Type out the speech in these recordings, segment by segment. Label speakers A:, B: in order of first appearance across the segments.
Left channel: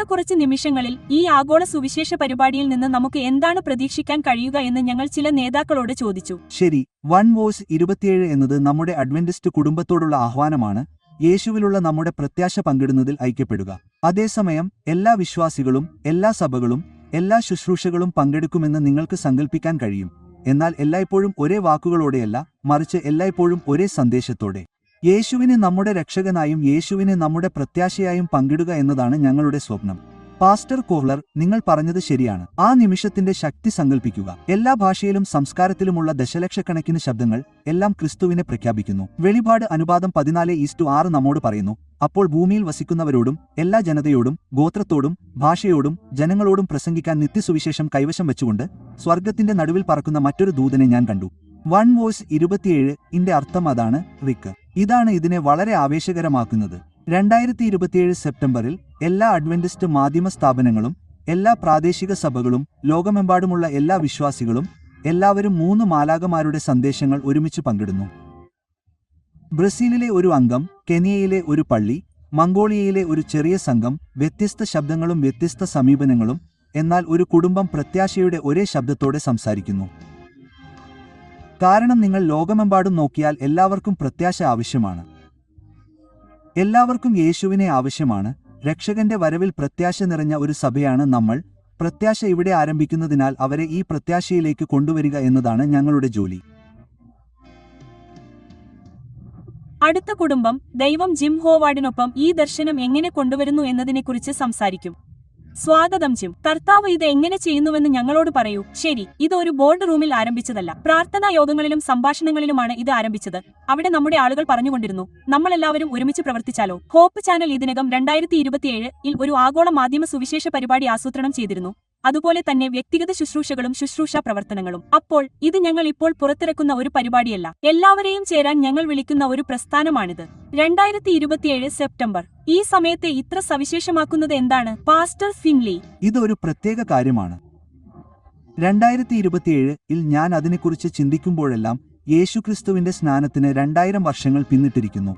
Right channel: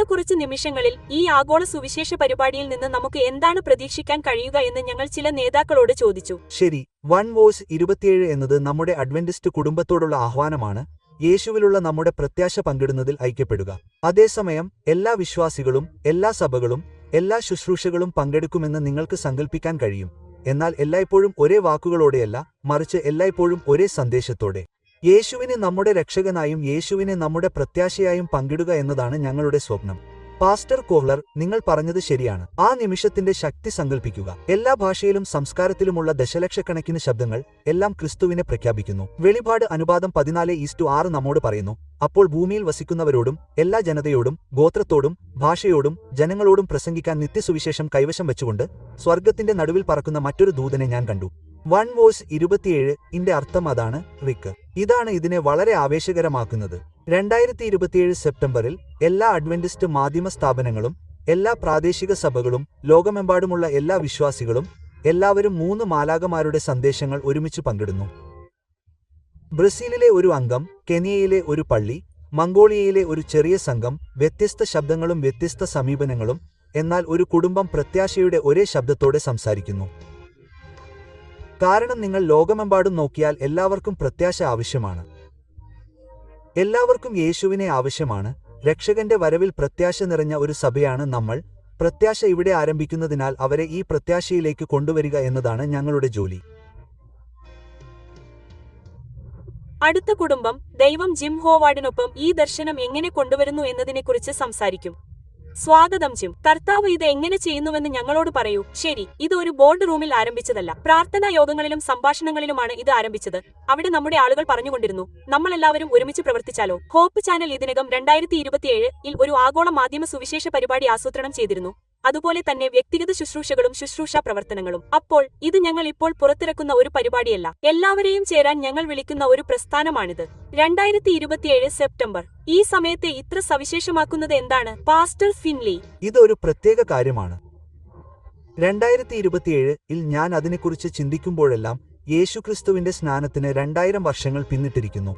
A: അടുത്ത കുറച്ച് നിമിഷങ്ങളിൽ ഈ ആഗോള സുവിശേഷ പരിപാടിയിൽ നിന്ന് നമുക്ക് എന്താണ് പ്രതീക്ഷിക്കാൻ കഴിയുക എന്ന് ഞങ്ങൾ ചില നേതാക്കളോട് ചോദിച്ചു.
B: ശരി വൺ വോയ്സ് ഇരുപത്തിയേഴ് എന്നത് നമ്മുടെ അഡ്വന്റിസ്റ്റ് കുടുംബത്തോടുള്ള ആഹ്വാനമാണ്. യേശുവിലുള്ള നമ്മുടെ പ്രത്യാശ പങ്കിടുന്നതിൽ ഐക്യപ്പെടുക. അതേസമയം എല്ലാ വിശ്വാസികളും എല്ലാ സഭകളും എല്ലാ ശുശ്രൂഷകളും പങ്കെടുക്കുമെന്ന് നിങ്ങൾക്ക് സങ്കല്പിക്കാൻ കഴിയും. എന്നാൽ എല്ലായ്പ്പോഴും ഒരേ വാക്കുകളോടെയല്ല മറിച്ച് എല്ലായ്പ്പോഴും ഒരേ സന്ദേശത്തോടെ. യേശുവിനെ നമ്മുടെ രക്ഷകനായും യേശുവിനെ നമ്മുടെ പ്രത്യാശയായും പങ്കിടുക എന്നതാണ് ഞങ്ങളുടെ സ്വപ്നം. പാസ്റ്റർ കോഹ്ലർ നിങ്ങൾ പറഞ്ഞത് ശരിയാണ്. ആ നിമിഷത്തിന്റെ ശക്തി സങ്കൽപ്പിക്കുക. എല്ലാ ഭാഷയിലും സംസ്കാരത്തിലുമുള്ള ദശലക്ഷക്കണക്കിന് ശബ്ദങ്ങൾ എല്ലാം ക്രിസ്തുവിനെ പ്രഖ്യാപിക്കുന്നു. വെളിപാട് അനുപാതം പതിനാല് ഈസ്റ്റു ആറ് നമ്മോട് പറയുന്നു അപ്പോൾ ഭൂമിയിൽ വസിക്കുന്നവരോടും എല്ലാ ജനതയോടും ഗോത്രത്തോടും ഭാഷയോടും ജനങ്ങളോടും പ്രസംഗിക്കാൻ നിത്യസുവിശേഷം കൈവശം വെച്ചുകൊണ്ട് സ്വർഗത്തിന്റെ നടുവിൽ പറക്കുന്ന മറ്റൊരു ദൂതനെ ഞാൻ കണ്ടു. വൺ വോയ്സ് ഇരുപത്തിയേഴ് ഇന്റെ അർത്ഥം അതാണ് റിക്ക്. ഇതാണ് ഇതിനെ വളരെ ആവേശകരമാക്കുന്നത്. രണ്ടായിരത്തി ഇരുപത്തിയേഴ് സെപ്റ്റംബറിൽ എല്ലാ അഡ്വന്റിസ്റ്റ് മാധ്യമ സ്ഥാപനങ്ങളും എല്ലാ പ്രാദേശിക സഭകളും ലോകമെമ്പാടുമുള്ള എല്ലാ വിശ്വാസികളും എല്ലാവരും മൂന്ന് മാലാകമാരുടെ സന്ദേശങ്ങൾ ഒരുമിച്ച് പങ്കിടുന്നു. ബ്രസീലിലെ ഒരു അംഗം കെനിയയിലെ ഒരു പള്ളി മംഗോളിയയിലെ ഒരു ചെറിയ സംഘം വ്യത്യസ്ത ശബ്ദങ്ങളും വ്യത്യസ്ത സമീപനങ്ങളും എന്നാൽ ഒരു കുടുംബം പ്രത്യാശയുടെ ഒരേ ശബ്ദത്തോടെ സംസാരിക്കുന്നു. കാരണം നിങ്ങൾ ലോകമെമ്പാടും നോക്കിയാൽ എല്ലാവർക്കും പ്രത്യാശ ആവശ്യമാണ്. എല്ലാവർക്കും യേശുവിനെ ആവശ്യമാണ്. രക്ഷകന്റെ വരവിൽ പ്രത്യാശ നിറഞ്ഞ ഒരു സഭയാണ് നമ്മൾ. പ്രത്യാശ ഇവിടെ ആരംഭിക്കുന്നതിനാൽ അവരെ ഈ പ്രത്യാശയിലേക്ക് കൊണ്ടുവരിക എന്നതാണ് ഞങ്ങളുടെ ജോലി.
A: അടുത്ത കുടുംബം ദൈവം ജിം ഹോവാർഡിനൊപ്പം ഈ ദർശനം എങ്ങനെ കൊണ്ടുവരുന്നു എന്നതിനെക്കുറിച്ച് സംസാരിക്കും. സ്വാഗതം ജിം കർത്താവ് ഇത് എങ്ങനെ ചെയ്യുന്നുവെന്ന് ഞങ്ങളോട് പറയൂ. ശരി ഇത് ഒരു ബോർഡ് റൂമിൽ ആരംഭിച്ചതല്ല. പ്രാർത്ഥനാ യോഗങ്ങളിലും സംഭാഷണങ്ങളിലുമാണ് ഇത് ആരംഭിച്ചത്. അവിടെ നമ്മുടെ ആളുകൾ പറഞ്ഞുകൊണ്ടിരുന്നു നമ്മളെല്ലാവരും ഒരുമിച്ച് പ്രവർത്തിച്ചാലോ? ഹോപ്പ് ചാനൽ ഇതിനകം രണ്ടായിരത്തി ഇരുപത്തിയേഴ് ഇൽ ഒരു ആഗോള മാധ്യമ സുവിശേഷ പരിപാടി ആസൂത്രണം ചെയ്തിരുന്നു. അതുപോലെ തന്നെ വ്യക്തിഗത ശുശ്രൂഷകളും ശുശ്രൂഷാ പ്രവർത്തനങ്ങളും. അപ്പോൾ ഇത് ഞങ്ങൾ ഇപ്പോൾ പുറത്തിറക്കുന്ന ഒരു പരിപാടിയല്ല. എല്ലാവരെയും ചേരാൻ ഞങ്ങൾ വിളിക്കുന്ന ഒരു പ്രസ്ഥാനമാണിത്. രണ്ടായിരത്തി സെപ്റ്റംബർ ഈ സമയത്തെ ഇത്ര സവിശേഷമാക്കുന്നത് എന്താണ്? Pastor Finley.
B: ഇതൊരു പ്രത്യേക കാര്യമാണ്. രണ്ടായിരത്തി ഇരുപത്തിയേഴ് ഇൽ ഞാൻ അതിനെക്കുറിച്ച് ചിന്തിക്കുമ്പോഴെല്ലാം യേശുക്രിസ്തുവിന്റെ സ്നാനത്തിന് രണ്ടായിരം വർഷങ്ങൾ പിന്നിട്ടിരിക്കുന്നു.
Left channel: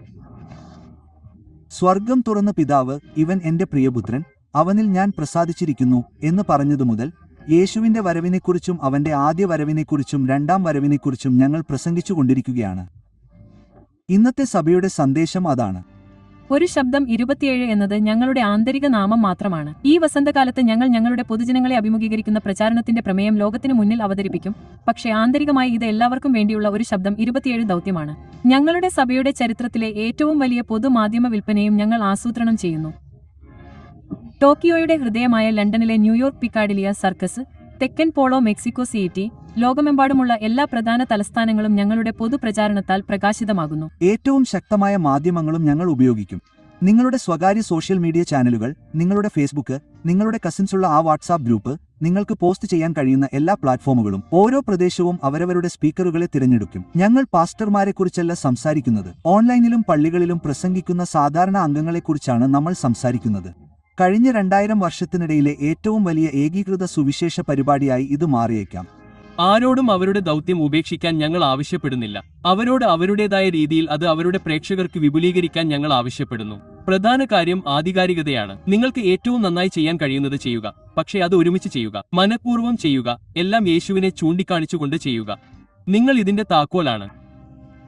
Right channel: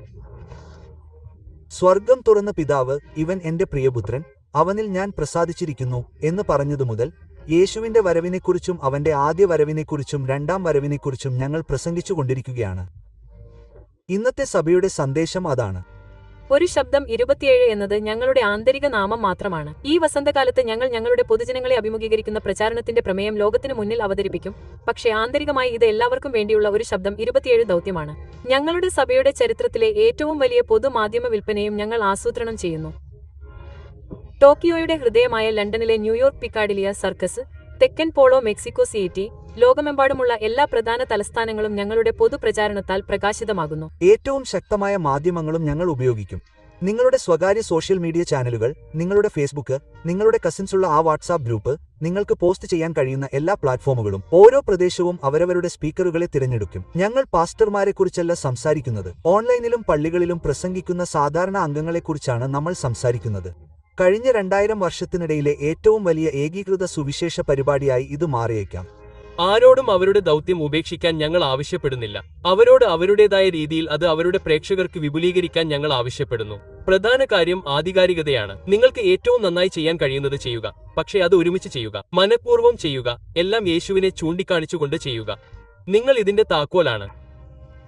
B: സ്വർഗം തുറന്ന പിതാവ് ഇവൻ എന്റെ പ്രിയപുത്രൻ അവനിൽ ഞാൻ പ്രസാദിച്ചിരിക്കുന്നു എന്ന് പറഞ്ഞതു മുതൽ യേശുവിന്റെ വരവിനെക്കുറിച്ചും അവന്റെ ആദ്യ വരവിനെക്കുറിച്ചും രണ്ടാം വരവിനെക്കുറിച്ചും ഞങ്ങൾ പ്രസംഗിച്ചുകൊണ്ടിരിക്കുകയാണ്. ഇന്നത്തെ സഭയുടെ സന്ദേശം അതാണ്.
C: ഒരു ശബ്ദം ഇരുപത്തിയേഴ് എന്നത് ഞങ്ങളുടെ ആന്തരിക നാമം മാത്രമാണ്. ഈ വസന്തകാലത്ത് ഞങ്ങൾ ഞങ്ങളുടെ പൊതുജനങ്ങളെ അഭിമുഖീകരിക്കുന്ന പ്രചാരണത്തിന്റെ പ്രമേയം ലോകത്തിന് മുന്നിൽ അവതരിപ്പിക്കും. പക്ഷേ ആന്തരികമായി ഇത് എല്ലാവർക്കും വേണ്ടിയുള്ള ഒരു ശബ്ദം ഇരുപത്തിയേഴ് ദൗത്യമാണ്. ഞങ്ങളുടെ സഭയുടെ ചരിത്രത്തിലെ ഏറ്റവും വലിയ പൊതുമാധ്യമ വിൽപ്പനയും ഞങ്ങൾ ആസൂത്രണം ചെയ്യുന്നു. ടോക്കിയോയുടെ ഹൃദയമായ ലണ്ടനിലെ ന്യൂയോർക്ക് പിക്കാഡിലിയ സർക്കസ് തെക്കൻ പോളോ മെക്സിക്കോ സിറ്റി ലോകമെമ്പാടുമുള്ള എല്ലാ പ്രധാന തലസ്ഥാനങ്ങളും ഞങ്ങളുടെ പൊതുപ്രചാരണത്താൽ പ്രകാശിതമാകുന്നു.
B: ഏറ്റവും ശക്തമായ മാധ്യമങ്ങളും ഞങ്ങൾ ഉപയോഗിക്കും. നിങ്ങളുടെ സ്വകാര്യ സോഷ്യൽ മീഡിയ ചാനലുകൾ നിങ്ങളുടെ ഫേസ്ബുക്ക് നിങ്ങളുടെ കസിൻസുള്ള ആ വാട്സാപ്പ് ഗ്രൂപ്പ് നിങ്ങൾക്ക് പോസ്റ്റ് ചെയ്യാൻ കഴിയുന്ന എല്ലാ പ്ലാറ്റ്ഫോമുകളും ഓരോ പ്രദേശവും അവരവരുടെ സ്പീക്കറുകളെ തിരഞ്ഞെടുക്കും. ഞങ്ങൾ പാസ്റ്റർമാരെക്കുറിച്ചല്ല സംസാരിക്കുന്നത്. ഓൺലൈനിലും പള്ളികളിലും പ്രസംഗിക്കുന്ന സാധാരണ അംഗങ്ങളെക്കുറിച്ചാണ് നമ്മൾ സംസാരിക്കുന്നത്. കഴിഞ്ഞ രണ്ടായിരം വർഷത്തിനിടയിലെ ഏറ്റവും വലിയ ഏകീകൃത സുവിശേഷ പരിപാടിയായി ഇത് മാറിയേക്കാം.
D: ആരോടും അവരുടെ ദൗത്യം ഉപേക്ഷിക്കാൻ ഞങ്ങൾ ആവശ്യപ്പെടുന്നില്ല. അവരോട് അവരുടേതായ രീതിയിൽ അത് അവരുടെ പ്രേക്ഷകർക്ക് വിപുലീകരിക്കാൻ ഞങ്ങൾ ആവശ്യപ്പെടുന്നു. പ്രധാന കാര്യം ആധികാരികതയാണ്. നിങ്ങൾക്ക് ഏറ്റവും നന്നായി ചെയ്യാൻ കഴിയുന്നത് ചെയ്യുക. പക്ഷേ അത് ഒരുമിച്ച് ചെയ്യുക. മനഃപൂർവം ചെയ്യുക. എല്ലാം യേശുവിനെ ചൂണ്ടിക്കാണിച്ചുകൊണ്ട് ചെയ്യുക. നിങ്ങൾ ഇതിന്റെ താക്കോലാണ്.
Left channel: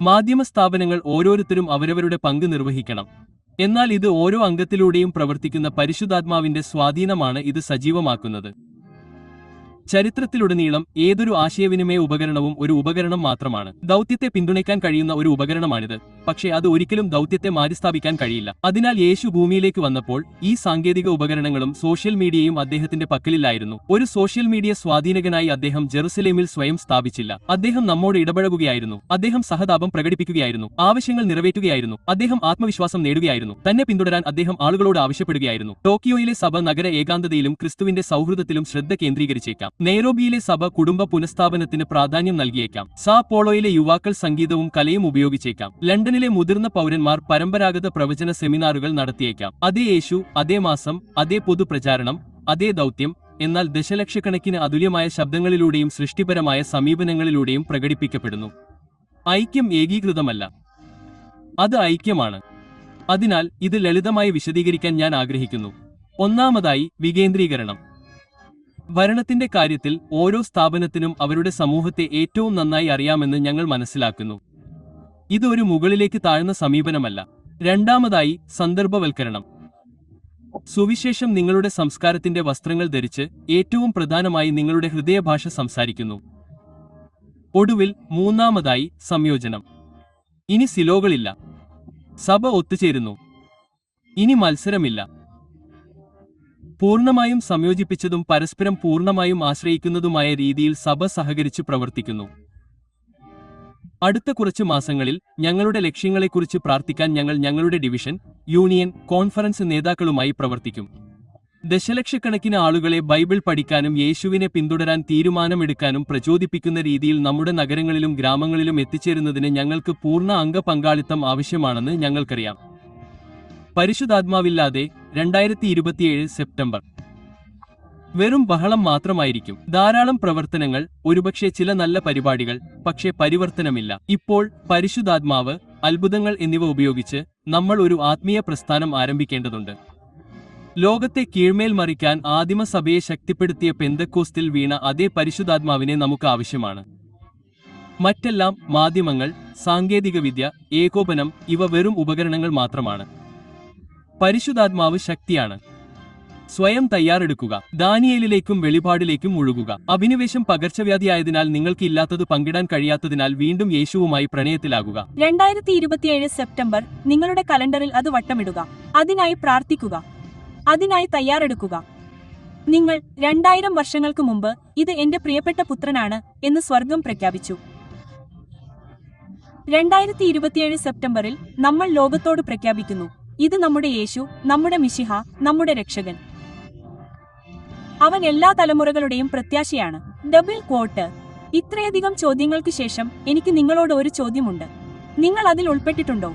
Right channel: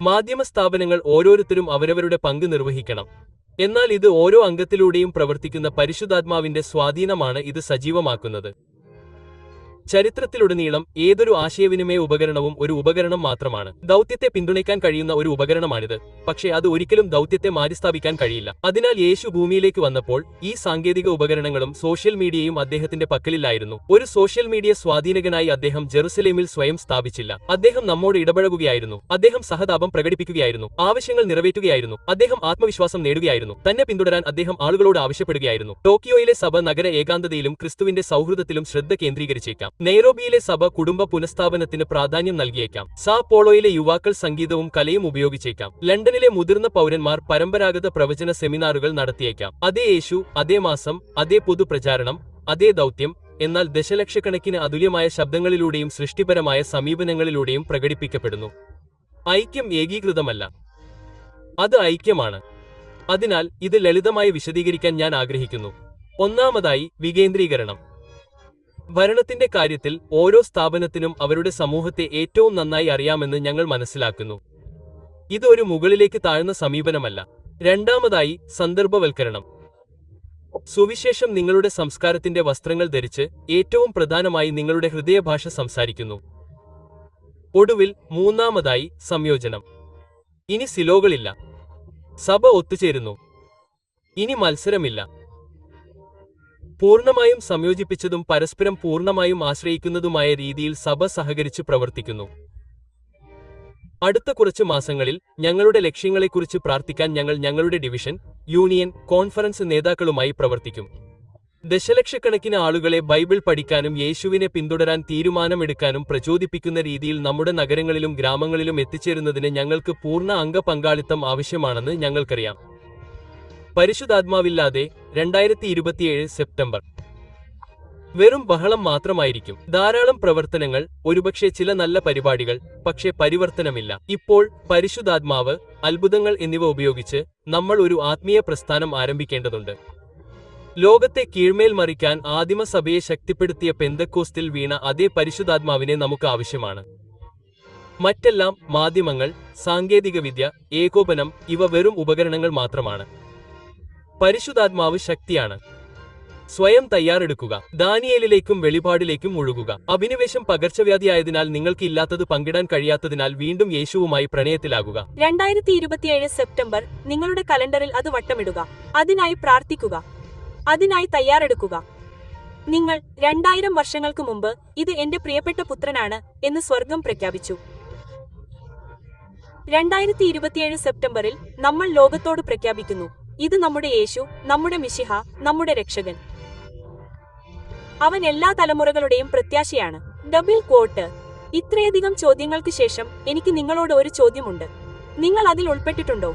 D: മാധ്യമ സ്ഥാപനങ്ങൾ ഓരോരുത്തരും അവരവരുടെ പങ്ക് നിർവഹിക്കണം. എന്നാൽ ഇത് ഓരോ അംഗത്തിലൂടെയും പ്രവർത്തിക്കുന്ന പരിശുദ്ധാത്മാവിന്റെ സ്വാധീനമാണ് ഇത് സജീവമാക്കുന്നത്. ചരിത്രത്തിലുടനീളം ഏതൊരു ആശയവിനിമയ ഉപകരണവും ഒരു ഉപകരണം മാത്രമാണ്. ദൗത്യത്തെ പിന്തുണയ്ക്കാൻ കഴിയുന്ന ഒരു ഉപകരണമാണിത്. പക്ഷേ അത് ഒരിക്കലും ദൗത്യത്തെ മാറ്റിസ്ഥാപിക്കാൻ കഴിയില്ല. അതിനാൽ യേശു ഭൂമിയിലേക്ക് വന്നപ്പോൾ ഈ സാങ്കേതിക ഉപകരണങ്ങളും സോഷ്യൽ മീഡിയയും അദ്ദേഹത്തിന്റെ പക്കലില്ലായിരുന്നു ഒരു സോഷ്യൽ മീഡിയ സ്വാധീനകനായി അദ്ദേഹം ജെറുസലേമിൽ സ്വയം സ്ഥാപിച്ചില്ല. അദ്ദേഹം നമ്മോട് ഇടപഴകുകയായിരുന്നു. അദ്ദേഹം സഹതാപം പ്രകടിപ്പിക്കുകയായിരുന്നു. ആവശ്യങ്ങൾ നിറവേറ്റുകയായിരുന്നു. അദ്ദേഹം ആത്മവിശ്വാസം നേടുകയായിരുന്നു. തന്നെ പിന്തുടരാൻ അദ്ദേഹം ആളുകളോട് ആവശ്യപ്പെടുകയായിരുന്നു. ടോക്കിയോയിലെ സഭ നഗര ഏകാന്തതയിലും ക്രിസ്തുവിന്റെ സൗഹൃദത്തിലും ശ്രദ്ധ കേന്ദ്രീകരിച്ചേക്കാം. നെയ്റോബിയിലെ സഭ കുടുംബ പുനഃസ്ഥാപനത്തിന് പ്രാധാന്യം നൽകിയേക്കാം. സാ പോളോയിലെ യുവാക്കൾ സംഗീതവും കലയും ഉപയോഗിച്ചേക്കാം. ലണ്ടനിലെ മുതിർന്ന പൗരന്മാർ പരമ്പരാഗത പ്രവചന സെമിനാറുകൾ നടത്തിയേക്കാം. അതേ യേശു അതേ മാസം അതേ പൊതുപ്രചാരണം അതേ ദൗത്യം എന്നാൽ ദശലക്ഷക്കണക്കിന് അതുല്യമായ ശബ്ദങ്ങളിലൂടെയും സൃഷ്ടിപരമായ സമീപനങ്ങളിലൂടെയും പ്രകടിപ്പിക്കപ്പെടുന്നു. ഐക്യം ഏകീകൃതമല്ല. അത് ഐക്യമാണ്. അതിനാൽ ഇത് ലളിതമായി വിശദീകരിക്കാൻ ഞാൻ ആഗ്രഹിക്കുന്നു. ഒന്നാമതായി വികേന്ദ്രീകരണം. ഭരണത്തിന്റെ കാര്യത്തിൽ ഓരോ സ്ഥാപനത്തിനും അവരുടെ സമൂഹത്തെ ഏറ്റവും നന്നായി അറിയാമെന്ന് ഞങ്ങൾ മനസ്സിലാക്കുന്നു. ഇതൊരു മുകളിലേക്ക് താഴ്ന്ന സമീപനമല്ല. രണ്ടാമതായി സന്ദർഭവൽക്കരണം. സുവിശേഷം നിങ്ങളുടെ സംസ്കാരത്തിന്റെ വസ്ത്രങ്ങൾ ധരിച്ച് ഏറ്റവും പ്രധാനമായി നിങ്ങളുടെ ഹൃദയഭാഷ സംസാരിക്കുന്നു. ഒടുവിൽ മൂന്നാമതായി സംയോജനം. ഇനി സിലോകളില്ല. സഭ ഒത്തുചേരുന്നു. ഇനി മത്സരമില്ല. പൂർണമായും സംയോജിപ്പിച്ചതും പരസ്പരം പൂർണമായും ആശ്രയിക്കുന്നതുമായ രീതിയിൽ സഭ സഹകരിച്ചു പ്രവർത്തിക്കുന്നു. അടുത്ത കുറച്ച് മാസങ്ങളിൽ ഞങ്ങളുടെ ലക്ഷ്യങ്ങളെക്കുറിച്ച് പ്രാർത്ഥിക്കാൻ ഞങ്ങൾ ഞങ്ങളുടെ ഡിവിഷൻ യൂണിയൻ കോൺഫറൻസ് നേതാക്കളുമായി പ്രവർത്തിക്കും. ദശലക്ഷക്കണക്കിന് ആളുകളെ ബൈബിൾ പഠിക്കാനും യേശുവിനെ പിന്തുടരാൻ തീരുമാനമെടുക്കാനും പ്രചോദിപ്പിക്കുന്ന രീതിയിൽ നമ്മുടെ നഗരങ്ങളിലും ഗ്രാമങ്ങളിലും എത്തിച്ചേരുന്നതിന് ഞങ്ങൾക്ക് പൂർണ അംഗപങ്കാളിത്തം ആവശ്യമാണെന്ന് ഞങ്ങൾക്കറിയാം. പരിശുദ്ധാത്മാവില്ലാതെ രണ്ടായിരത്തി ഇരുപത്തിയേഴ് സെപ്റ്റംബർ. വെറും ബഹളം മാത്രമായിരിക്കും. ധാരാളം പ്രവർത്തനങ്ങൾ ഒരുപക്ഷെ ചില നല്ല പരിപാടികൾ പക്ഷേ പരിവർത്തനമില്ല. ഇപ്പോൾ പരിശുദ്ധാത്മാവ് അത്ഭുതങ്ങൾ എന്നിവ ഉപയോഗിച്ച് നമ്മൾ ഒരു ആത്മീയ പ്രസ്ഥാനം ആരംഭിക്കേണ്ടതുണ്ട്. ലോകത്തെ കീഴ്മേൽ മറിക്കാൻ ആദിമസഭയെ ശക്തിപ്പെടുത്തിയ പെന്തക്കോസ്തിൽ വീണ അതേ പരിശുദ്ധാത്മാവിനെ നമുക്ക് ആവശ്യമാണ്. മറ്റെല്ലാം മാധ്യമങ്ങൾ സാങ്കേതികവിദ്യ ഏകോപനം ഇവ വെറും ഉപകരണങ്ങൾ മാത്രമാണ്. പരിശുദ്ധാത്മാവ് ശക്തിയാണ്. സ്വയം തയ്യാറെടുക്കുക ദാനിയേലിലേക്കും വെളിപാടിലേക്കും മുഴുകുക. അഭിനിവേശം പകർച്ചവ്യാധിയായതിനാൽ നിങ്ങൾക്ക് ഇല്ലാത്തത് പങ്കിടാൻ കഴിയാത്തതിനാൽ വീണ്ടും യേശുവുമായി പ്രണയത്തിലാകുക.
A: രണ്ടായിരത്തി ഇരുപത്തിയേഴ് സെപ്റ്റംബർ നിങ്ങളുടെ കലണ്ടറിൽ അത് വട്ടമിടുക. അതിനായി പ്രാർത്ഥിക്കുക. അതിനായി തയ്യാറെടുക്കുക. നിങ്ങൾ രണ്ടായിരം വർഷങ്ങൾക്ക് മുമ്പ് ഇത് എന്റെ പ്രിയപ്പെട്ട പുത്രനാണ് എന്ന് സ്വർഗം പ്രഖ്യാപിച്ചു. രണ്ടായിരത്തി ഇരുപത്തിയേഴ് സെപ്റ്റംബറിൽ നമ്മൾ ലോകത്തോട് പ്രഖ്യാപിക്കുന്നു. ഇത് നമ്മുടെ യേശു നമ്മുടെ മിശിഹ നമ്മുടെ രക്ഷകൻ. അവൻ എല്ലാ തലമുറകളുടെയും പ്രത്യാശയാണ്. ഡബിൾ കോട്ട് ഇത്രയധികം ചോദ്യങ്ങൾക്ക് ശേഷം എനിക്ക് നിങ്ങളോട് ഒരു ചോദ്യമുണ്ട്. നിങ്ങൾ അതിൽ ഉൾപ്പെട്ടിട്ടുണ്ടോ?